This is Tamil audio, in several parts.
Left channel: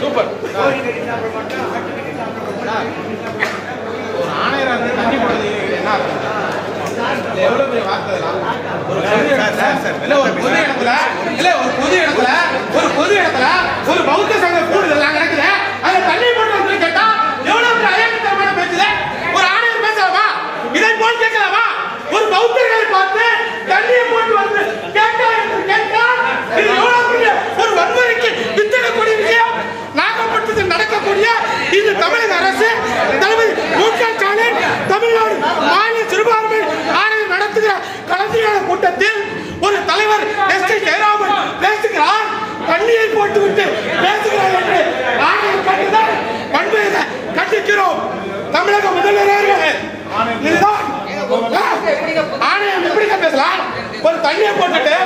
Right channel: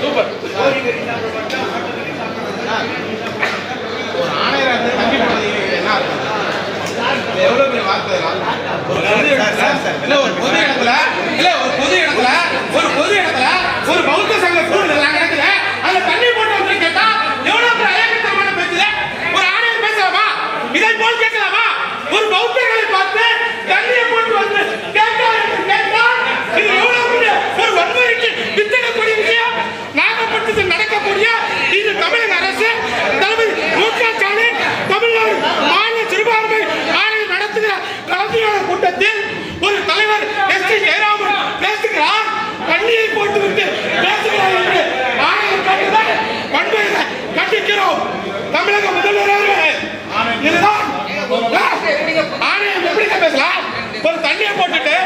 சூப்பர். ஒரு ஆணையராக தண்ணி போனது என்ன எவ்வளவு பெரிய வார்த்தை. ஒரு பொது இடத்துல ஒரு பௌத்த சங்க கூடுதல் நடக்குது. அதுல தண்ணி போட்டு வந்து கேட்டா எவ்வளவு பெரிய அயக்கத்தரமான பேச்சுல ஒரு ஆணையர் பேசலாமா? இதை போல் கேட்கலாமா? ஒரு பௌத்தர்களை பார்த்து தண்ணியை போட்டு வந்து கேட்டா இது எவ்வளவு பெரிய ஒரு வன்முறைக்கு வித்திடக்கூடிய விஷயம். நாகப்பட்டினத்தில் நடக்கக்கூடிய இது தமிழக அரசு தலைவர் மு.க. ஸ்டாலின் தமிழ்நாடு மாநில சிறுபான்மை ஆணையம் நடத்துகிற கலந்துரையாடல் கூட்டத்தில் ஒரு தலைவர் எஸ். ஜெயராமன் பேசுகிறார். தண்ணியை போட்டுவிட்டு பேசுகிறார் என்று ஆணையம் கண்டுதான் வன்முறையை கண்டிக்கிறோம். தமிழக முதல்வர் அவர்களே, இதுதான் ஆணையம் எப்படிங்க பேசலாம்? ஒரு தண்ணியை போட்டுட்டு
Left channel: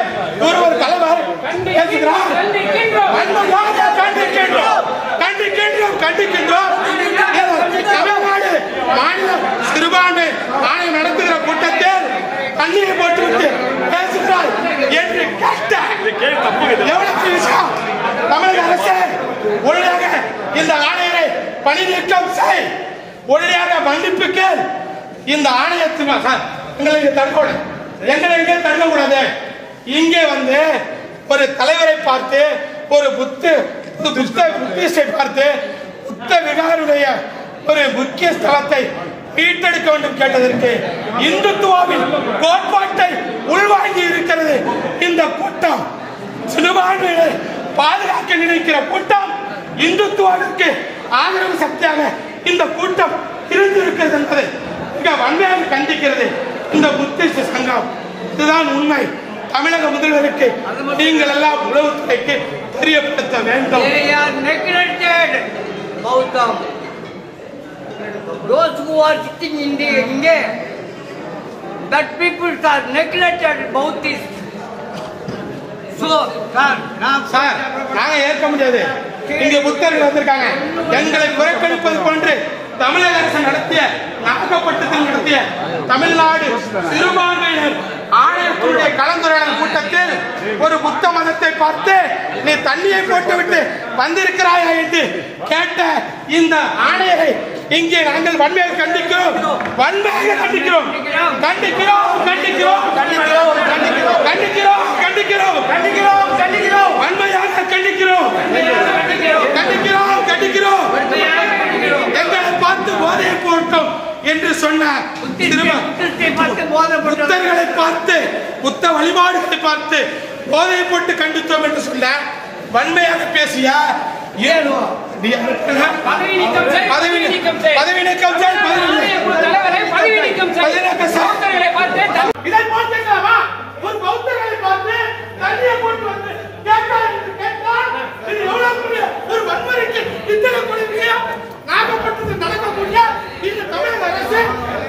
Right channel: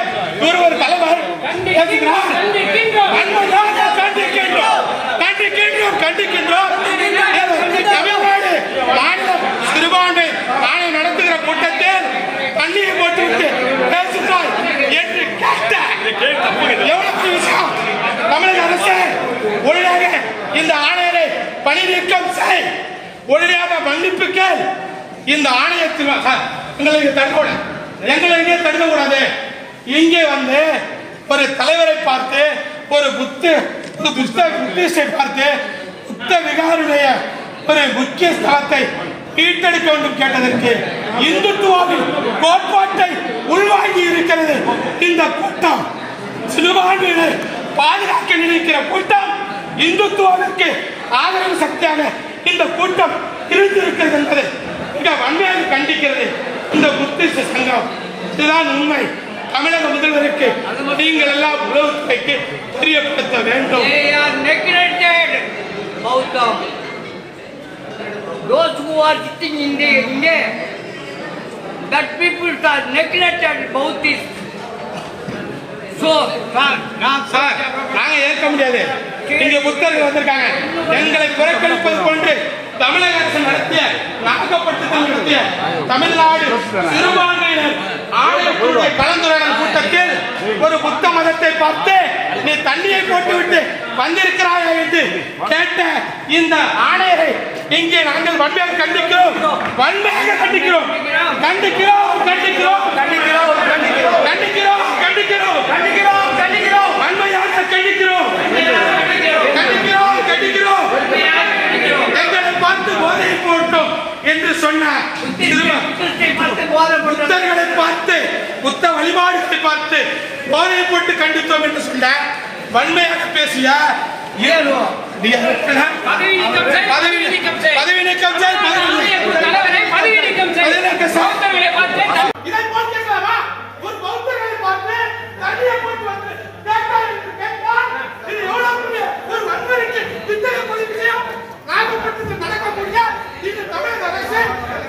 ஒரு தலைவர் பேசுகிறார். கண்டிக்கின்றோம். தமிழ்நாடு மாநில சிறுபான்மை ஆணையம் நடத்துகிற கூட்டத்தில் தண்ணியை போட்டுவிட்டு பேசுகிறார் என்று கேட்ட எவ்வளவு விஷயம். தமிழக அரசு உடனடியாக இந்த ஆணையரை பணி நீக்கம் செய், உடனடியாக மன்னிப்பு கேள். இந்த ஆணையத்தில் எங்களுக்கு தடுக்கக்கூடாது. இங்கே வந்து ஒரு தலைவரை பார்த்து ஒரு புத்திஸ்டை பார்த்து புத்த விகாருடைய ஒரு முக்கிய ஸ்தலத்தை மீட்டெடுக்க வேண்டும் கேட்டதற்கு இந்துத்துவாவின் கோட்பாட்டை உள்வாங்கி இருக்கிறது இந்த கூட்டம். சிறுபான்மையினர் பாதுகாக்க நினைக்கிற கூட்டம், இந்துத்துவாவிற்கு ஆதரவு சக்தியாக இந்த கூட்டம் இருந்திருக்கிறது என்பதை மிக வன்மையாக கண்டிக்கிறது இந்த புத்திஸ்ட் சங்கம். இதுதான் உண்மை. தமிழக முதல்வருக்கு நீங்கள் எல்லாம் உளவுத்துறைக்கு தெரியப்படுத்த வேண்டும். Those who are sitting in India, that people are neglected Buddhists. So, நாங்க ஏற்க முடியாது. இங்க புத்தர்கள் வந்திருக்காங்க. எங்களை புறக்கணிப்பது போன்று தமிழக அரசு நடத்திய நாகப்பட்டினத்தில் நடத்திய தமிழ்நாடு சிறுபான்மையினர் ஆணையத்துடைய கலந்துரையாடல் கூட்டத்தில் ஒரு புத்த மதத்தை பார்த்து நீ தண்ணியை போட்டுவிட்டு வந்திருக்கிறாயா என்று கேட்ட இந்த ஆணையரை இங்கே நாங்கள் வன்மையாக கண்டிக்கிறோம். வன்மையாக கண்டிக்கிறோம். எங்களை பார்த்து போதையை போட்டோம் என்று சொன்னார். புத்தர்களை பார்த்து புத்த வழிபாடுகளை பார்த்து போதையை போட்டு கண்டித்தோம் என்று சொன்ன வன்மையாக பேசிய பதவி நீக்கம் இதை போல் கேட்கலாமா? ஒரு பௌத்தர்களை பார்த்து தண்ணியை போட்டு வந்து ஒரு வன்முறைக்கு திட்டக்கூடிய நாகப்பட்டினத்தில் நடக்கக்கூடிய இந்த தமிழக அரசு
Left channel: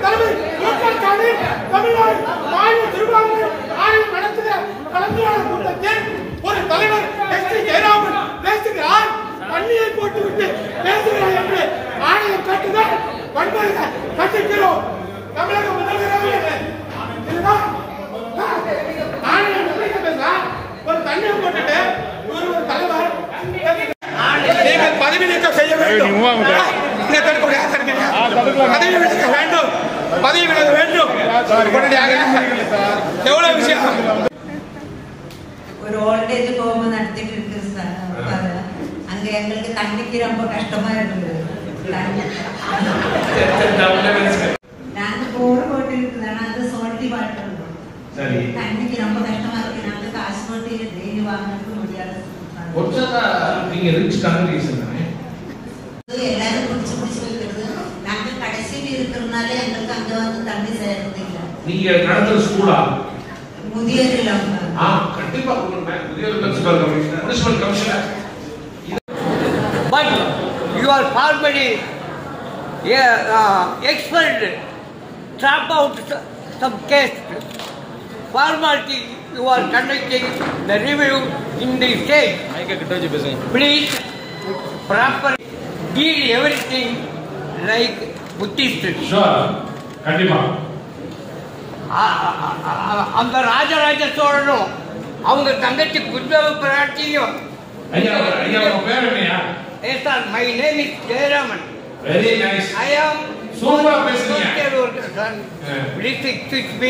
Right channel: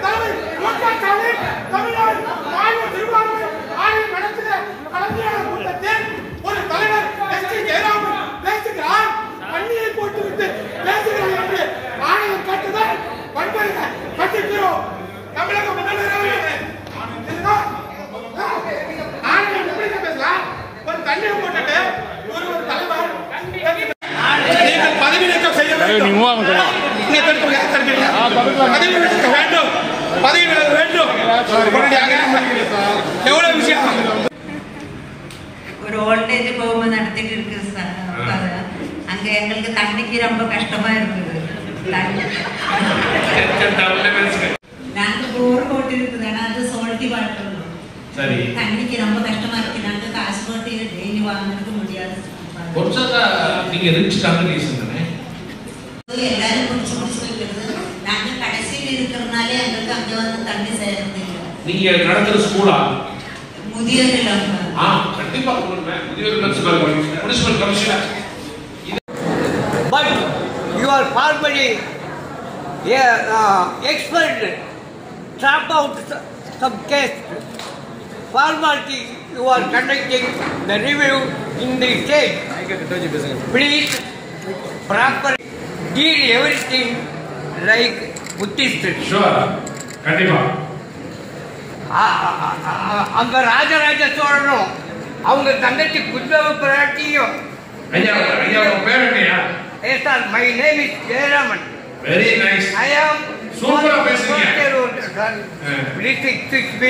தலைவர் மு.க. ஸ்டாலின் தமிழ்நாடு மாநில சிறுபான்மை ஆணையம் நடத்துகிற கலந்துரையாடல் கூட்டத்தில் ஒரு தலைவர் எஸ். ஜெயராமன் பேசுகிறார். தண்ணியை போட்டுவிட்டு பேசுகிறார் என்று ஆணையம் கேட்டதால் வன்முறையை கண்டிக்கிறோம். தமிழக முதல்வர் இதுதான் ஆணையம் எப்படி பேசலாம்? ஒரு தண்ணியை போட்டுட்டு ஒரு தலைவர் நீங்கள் பதவி நீக்கம் செய்ய வேண்டும். பதவி விலக வேண்டும். எவ்வளவு விஷயம். ஒரு ஓல்டேஜ் ஹோம் நடத்திட்டு இருக்கு சார். அங்க எங்களுக்கு தண்ணிக்கு ரொம்ப கஷ்டமா இருக்குது. நாங்க போர் போட்டு இருக்குது. ஆனா அது சோல்ட்டி வாட்டர் தண்ணிக்கு ரொம்ப கஷ்டமா இருக்கு. நாங்க காசு போட்டு டெய்லி வாங்கினதுக்கு முடியாது. எல்லாரும் குடிச்சு வைக்கிறது. நாங்க கடைசியில் இருக்கிறதுனால எங்களுக்கு அங்க வந்து தண்ணி சேர்ந்து நீங்க நடத்துற ஸ்கூலா முதியோர் இல்லம். கண்டிப்பா முதியோர் municipal commissioner. but you are formally expelled, drop out some case. Formality you are conducting the review in the state. Please proper deal everything like Buddhist. Sure. கண்டிப்பா. அந்த ராஜராஜ சோழனும் அவங்க தங்கச்சி குந்தவை பிராட்டியும் ஐயா ஐயா உங்க பேர் என்னையா? Yes sir, my name is Jayaraman. Very nice. I am சூப்பரா பேசுறீங்க. District 6B.